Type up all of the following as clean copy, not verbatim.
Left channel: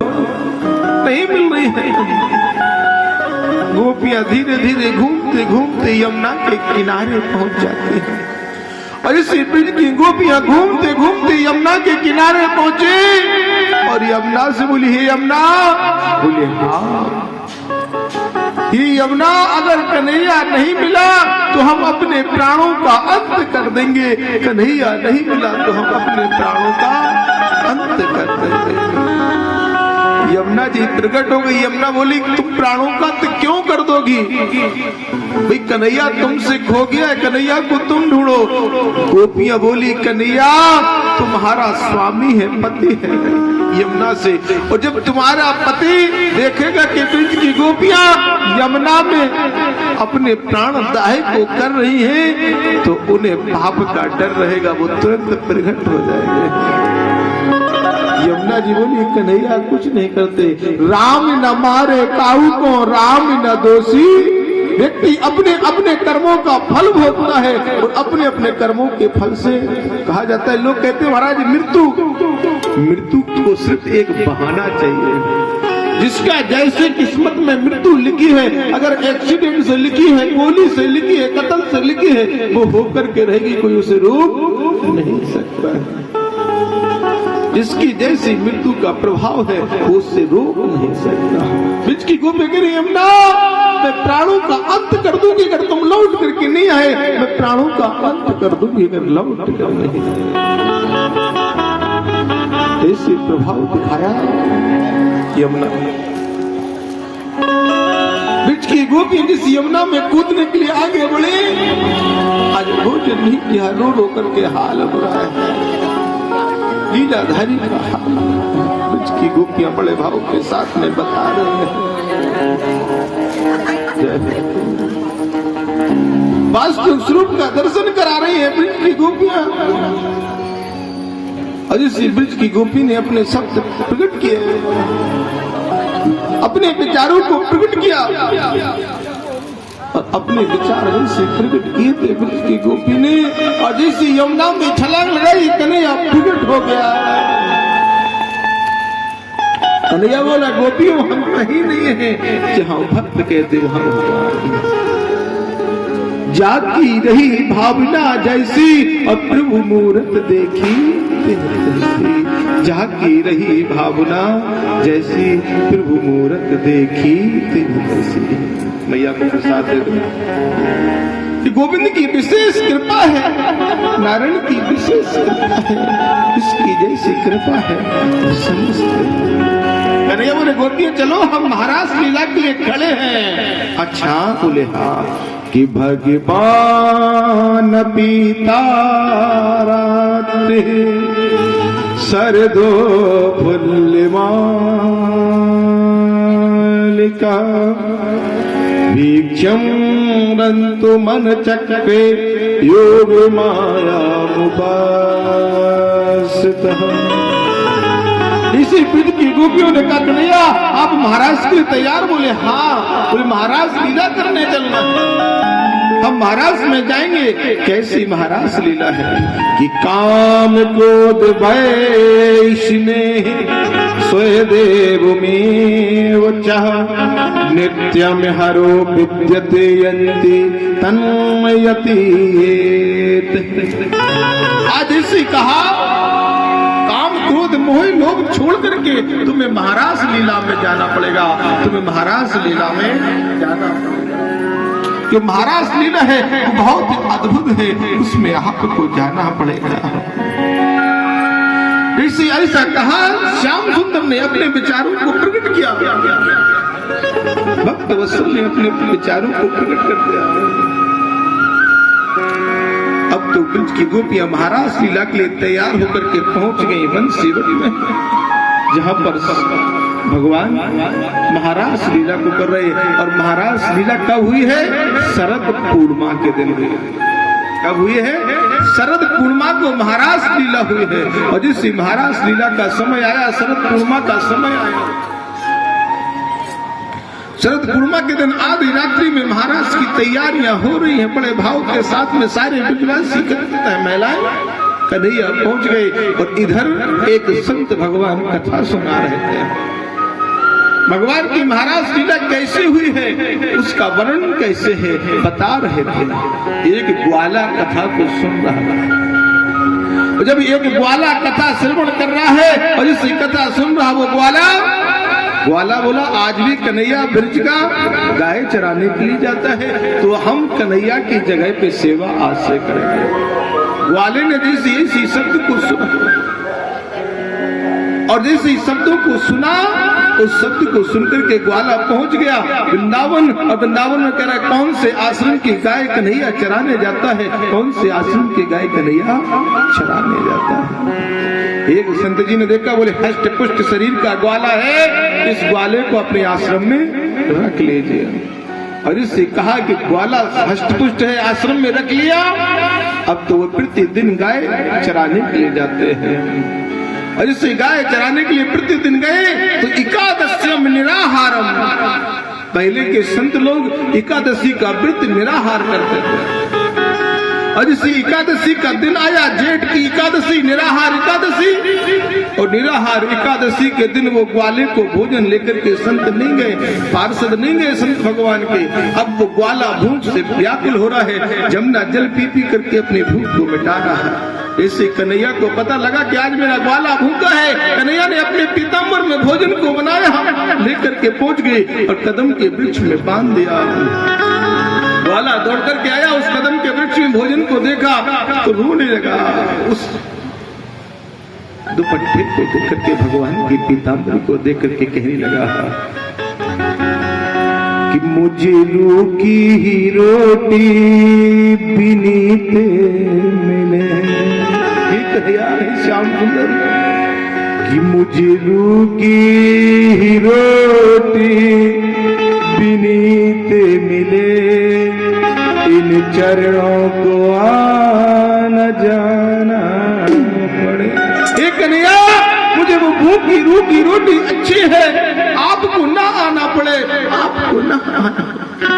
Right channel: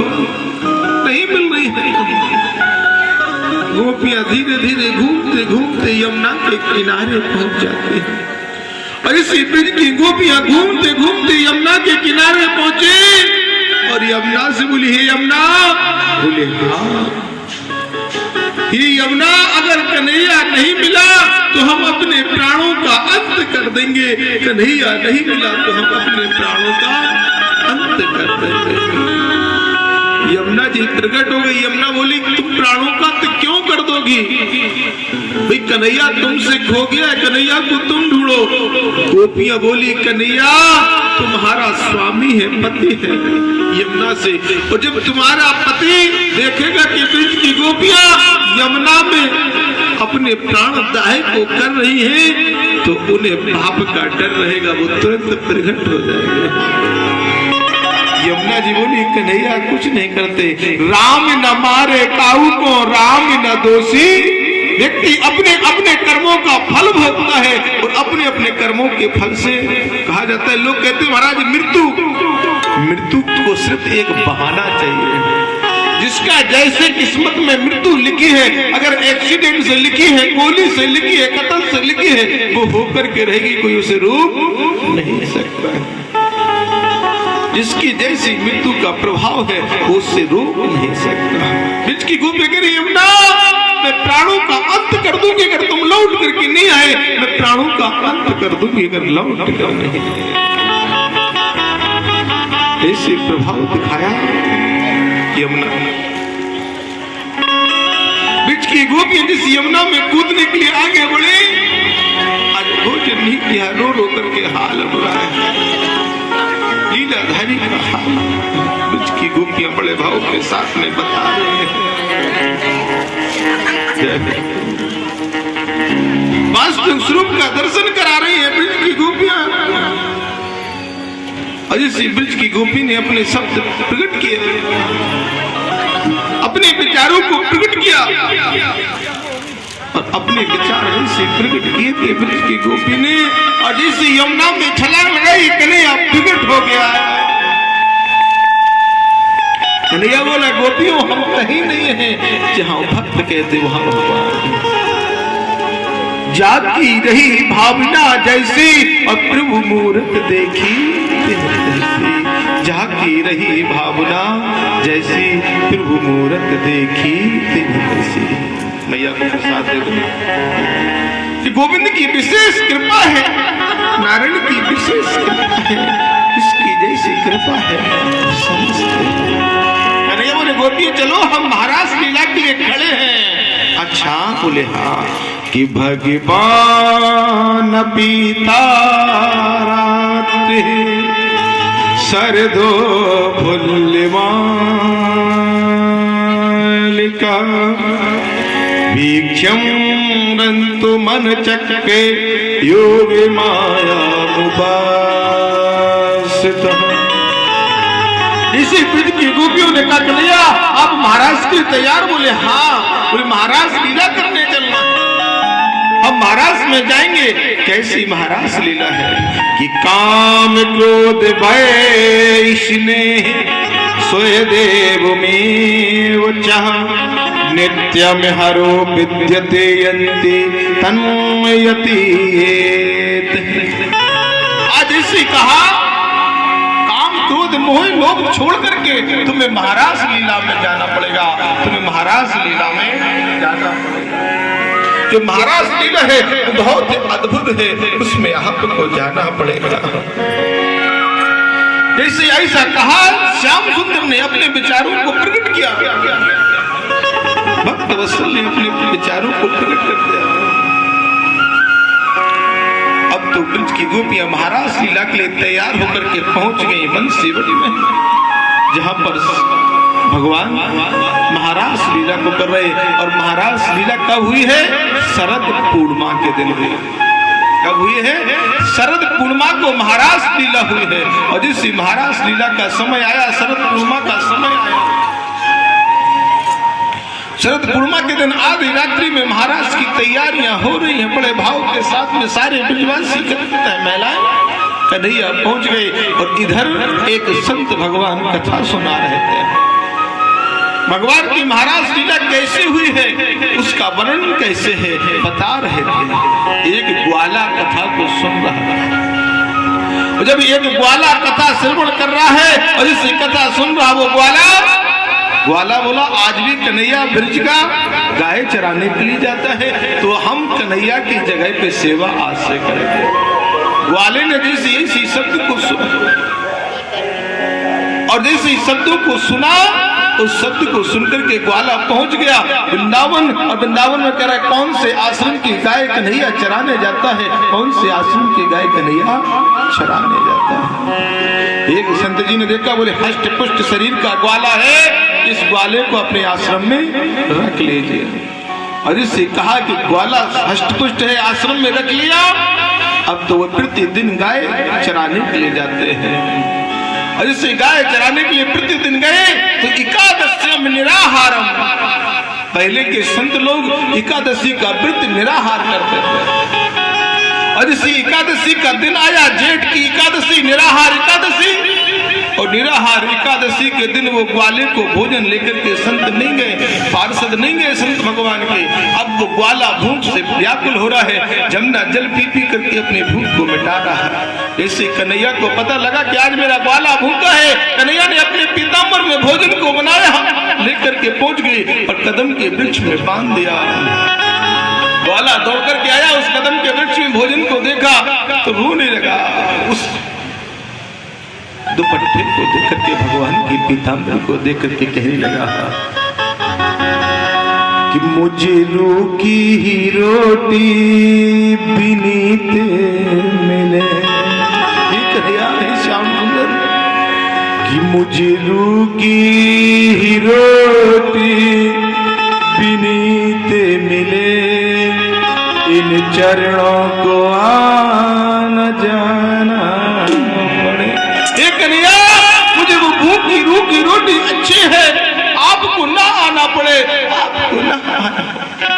नहीं मिल रही है। गोपियां धीरे धीरे घूमते घूमते यमुना के किनारे पहुंच जाती है और इसी ब्रिज की गोपियां घूमते घूमते यमुना के किनारे पहुंचे और यमुना से बोली, हे यमुना। बोले, हाँ। ये यमुना, अगर कन्हैया नहीं मिला तो हम अपने प्राणों का अंत कर देंगे। कन्हैया नहीं मिला तो हम अपने प्राणों का अंत कर देंगे। यमुना जी प्रकट हो गई। यमुना बोली, तुम प्राणों का अंत क्यों कर दोगी? भाई कन्हैया तुमसे खो गया, कन्हैया को तुम ढूंढो। गोपियां बोली, कन्हैया तुम्हारा स्वामी है, पति है यमुना से, और जब तुम्हारा पति देखेगा कि ब्रिज की गोपियां यमुना में अपने प्राण दाह को कर रही हैं, तो उन्हें पाप का डर रहेगा, वो तुरंत प्रकट हो जाएंगे। यमुना जी बोली, कन्हैया कुछ नहीं करते। राम न मारे काऊ को, राम न दोषी। व्यक्ति अपने अपने कर्मों का फल भोगता है और अपने अपने कर्मों के फल से कहा जाता है। लोग कहते हैं महाराज मृत्यु को सिर्फ एक बहाना चाहिए। जिसका जैसे किस्मत में मृत्यु लिखी है, अगर एक्सीडेंट से लिखी है, गोली से लिखी है, कत्ल से लिखी है, वो होकर के रहेगी, कोई उसे रोक नहीं सकता है। जिसकी जैसी मृत्यु का प्रभाव है वो उससे रोक नहीं सकता। ब्रिज की गोपियां कह रही, यमुना मैं प्राणों का अंत कर दूंगी अगर तुम लौट करके नहीं आए। मैं प्राणों का अंत कर दूंगी अगर लौट कर नहीं आए। ऐसे प्रभाव दिखाया यमुना। ब्रिज की गोपियां जिस यमुना में कूदने के लिए आगे बढ़े, आज भोजन नहीं किया, रो रो करके हाल बुरा है। लीलाधारी का हाल ब्रिज की गोपियां बड़े भाव के साथ में बता रहे हैं। वास्तविक स्वरूप का दर्शन करा रही है ब्रिज की गोपियां। और इसी ब्रिज की गोपी ने अपने शब्द प्रकट किए, अपने विचारों को प्रकट किया और अपने विचार ऐसे प्रकट किए थे ब्रिज की गोपी ने। और जैसे यमुना में छलांग लगाई, कन्हैया प्रकट हो गया। कन्हैया बोला, गोपियों हम कहीं नहीं है जहां भक्त कहते वहां भगवान। जाती रही भावना जैसी और प्रभु मूरत देखी तैसी। जाती रही भावना जैसी प्रभु मूरत देखी तैसी। मैया को प्रसाद दे दो। गोविंद की विशेष कृपा है, नारायण की विशेष कृपा है, इसकी जैसी कृपा है। कन्हैया बोले, गोपियां चलो हम महाराज लीला के लिए खड़े हैं। अच्छा बोले, हाँ। कि भगवान पीता सरदो फुल्लिमालिका वीक्षम रंतु मन चक्के योग माया इसी ब्रिज की गोपियों ने कहा, कन्हैया आप महाराज के तैयार? बोले, हाँ। बोले, महाराज लीला करने चलना, हम महाराज में जाएंगे। कैसी महाराज लीला है कि काम क्रोध भय स्नेह स्वय देव में चाह नित्यम हरो विद्यते यन्ति तन्मयति। आज इसी कहा, काम क्रोध मोह लोभ छोड़ करके तुम्हें महाराज लीला में जाना पड़ेगा। तुम्हें महाराज लीला में जाना पड़ेगा। जो महाराज लीला है वो बहुत अद्भुत है, उसमें आपको जाना पड़ेगा। जैसे ऐसा कहा, श्याम सुंदर ने अपने विचारों को प्रकट किया, भक्त वत्सल ने अपने विचारों को प्रकट कर दिया। अब तो ब्रिज की गोपियां महाराज लीला के लिए तैयार होकर के पहुंच गई बंसीवटी में, जहां पर भगवान महाराज लीला को कर रहे। और महाराज लीला कब हुई है? शरद पूर्णिमा के दिन हुई। कब हुई है? शरद पूर्णिमा को महाराज लीला हुई है। और जिस महाराज लीला का समय आया, शरद पूर्णिमा का समय आया, शरद पूर्णिमा के दिन आधी रात्रि में महाराज की तैयारियां हो रही हैं। बड़े भाव के साथ में सारे ब्रजवासी महिलाएं कन्हैया पहुंच गए और इधर एक संत भगवान कथा सुना रहे थे। भगवान की महाराज लीला कैसे हुई है, उसका वर्णन कैसे है बता रहे थे। एक ग्वाला कथा को सुन रहा था, जब एक ग्वाला कथा श्रवण कर रहा है और इस कथा सुन रहा वो ग्वाला बोला आज भी कन्हैया ब्रज का गाय चराने के लिए जाता है, तो हम कन्हैया की जगह पे सेवा आज से करेंगे। ग्वाले ने जिस शब्द को सुना और जिस शब्दों को सुना उस शब्द को सुनकर के ग्वाला पहुंच गया वृंदावन, और वृंदावन में कह रहा है कौन से आश्रम की गाय कन्हैया चराने जाता है, कौन से आश्रम की गाय कन्हैया चराने जाता है। एक संत जी ने देखा, बोले हष्ट पुष्ट शरीर का ग्वाला है, इस ग्वाले को अपने आश्रम में रख लीजिए। और इससे कहा कि ग्वाला हष्ट पुष्ट है, आश्रम में रख लिया, अब तो वो प्रतिदिन गाय चराने के लिए जाते हैं। और इसे गाय चराने के लिए प्रतिदिन गए तो एकादश्यम निराहारम, पहले के संत लोग एकादशी का व्रत निराहार करते थे। और इसी एकादशी का दिन आया, जेठ की एकादशी, निराहार एकादशी, और निराहार एकादशी के दिन वो ग्वाले को भोजन लेकर के संत नहीं गए, पार्षद नहीं गए संत भगवान के। अब वो ग्वाला भूख से व्याकुल हो रहा है, जमुना जल पी पी करके अपने भूख को मिटा रहा है। इससे कन्हैया को पता लगा कि आज मेरा ग्वाला भूखा है। कन्हैया ने अपने पीताम्बर में भोजन को बनाया, लेकर के पहुंच गए और कदम के वृक्ष में बांध दिया। ग्वाला दौड़ करके आया, उस कदम के वृक्ष में भोजन को देखा तो रोने लगा। उस दुपट्टे को देख करके, भगवान के पीताम्बर को देख करके कहने लगा कि मुझे रूखी ही रोटी बिनीत मिले, श्याम सुंदर, कि मुझे रूखी ही रोटी बिनीत मिले, इन चरणों को आना जाना पड़े। एक कन्हैया, मुझे वो भूखी रूखी रोटी अच्छी है, आपको ना आना पड़े, आपको ना आना पड़े।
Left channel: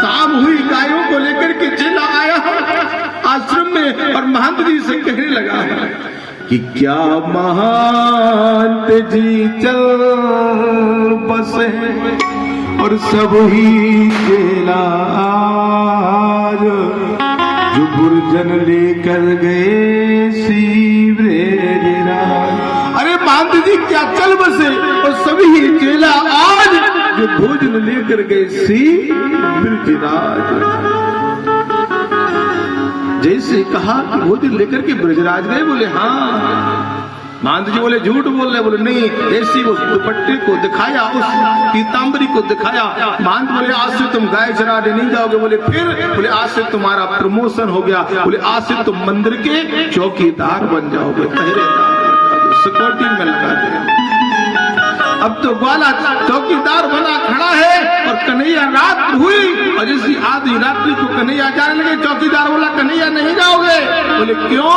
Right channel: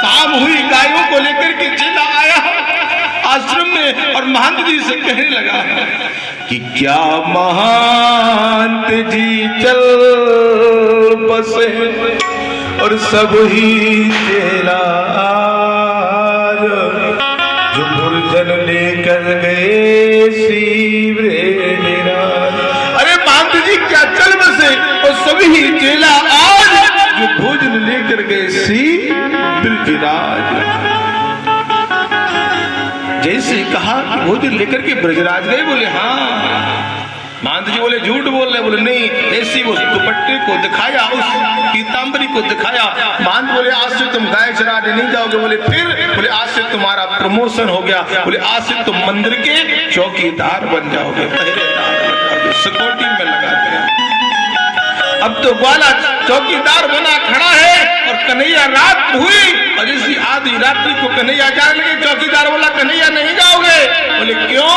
शाम हुई, गायों को लेकर के चला आया आश्रम में और महंत जी से कहने लगा कि क्या महंत जी चल बसे और सब ही चेला आज, जो बुर्जन लेकर गए सीवरे डेरा। अरे महंत जी क्या चल बसे और सभी ही चेला आज, जो भोजन लेकर गए सी ब्रजराज। जैसे कहा कि भोजन लेकर के ब्रजराज गए, बोले हाँ। महंत जी बोले झूठ बोल रहे, बोले नहीं। ऐसी उस दुपट्टे को दिखाया, उस पीताम्बरी को दिखाया। महंत बोले आज से तुम गाय चराने नहीं जाओगे। बोले फिर? बोले आज से तुम्हारा प्रमोशन हो गया। बोले आज से तुम मंदिर के चौकीदार बन जाओगे, पहरेदार, सिक्योरिटी में लगा दिया। अब तो ग्वाला चौकीदार बना खड़ा है और कन्हैया रात हुई और इसी आधी रात्रि को कन्हैया जाने लगे। चौकीदार बोला कन्हैया नहीं जाओगे। बोले क्यों?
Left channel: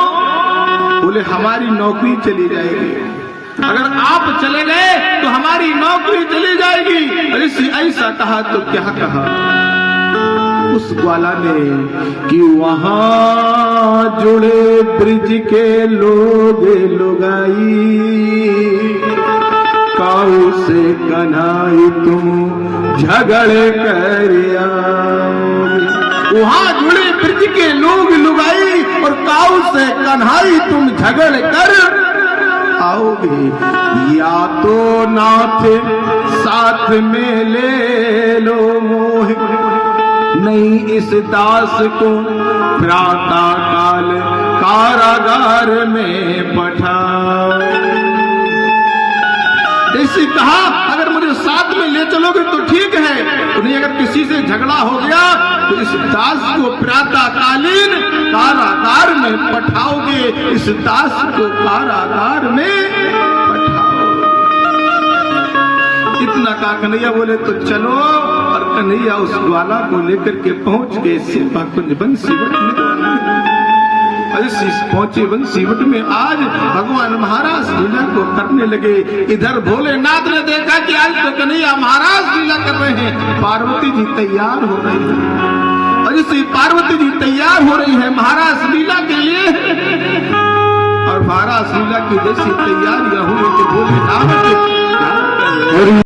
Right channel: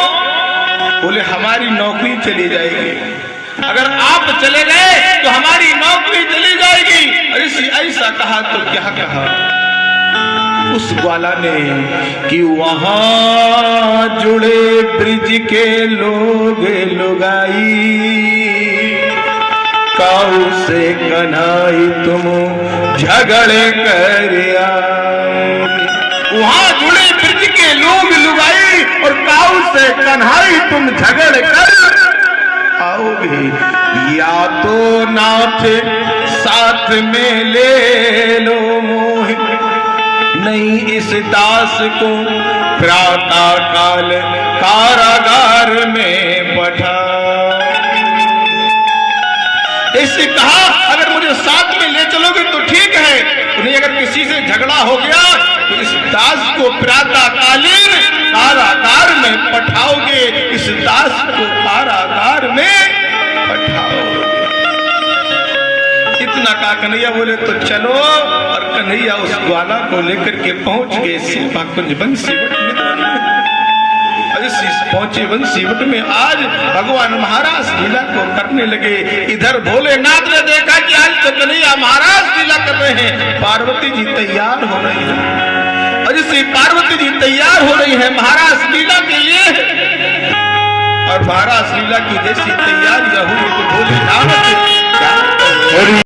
बोले हमारी नौकरी चली जाएगी, अगर आप चले गए तो हमारी नौकरी चली जाएगी। और इसी ऐसा कहा तो क्या कहा उस ग्वाला ने कि वहां जुड़े ब्रिज के लोग लुगाई, काऊ से कन्हाई तुम झगड़े कर आओगे। वहां जुड़े ब्रिज के लोग लुगाई और काऊ से कन्हाई तुम झगड़ कर आओगे। या तो नाथ साथ में ले लो मोह, नहीं इस दास को प्रातः काल कारागार में पठाओ। ऐसे कहा अगर मुझे साथ में ले चलोगे तो ठीक है, नहीं अगर किसी से झगड़ा हो गया तो इस दास को प्रातःकालीन कारागार में पठाओगे, इस दास को कारागार में पठाओगे। इतना कहा कन्हैया बोले तो चलो। और कन्हैया उस ग्वाला को लेकर के पहुंच गए सेवा कुंज बंसीवट में। पहुंचे बंसीवट में आज भगवान महाराज लीला को करने लगे। इधर भोलेनाथ ने देखा कि आज तो कन्हैया महाराज लीला कर रहे हैं, पार्वती जी तैयार हो रही है। और जैसे पार्वती जी तैयार हो रही है महाराज लीला के लिए, और महाराज लीला की जैसी तैयारियां हुई तो भोलेनाथ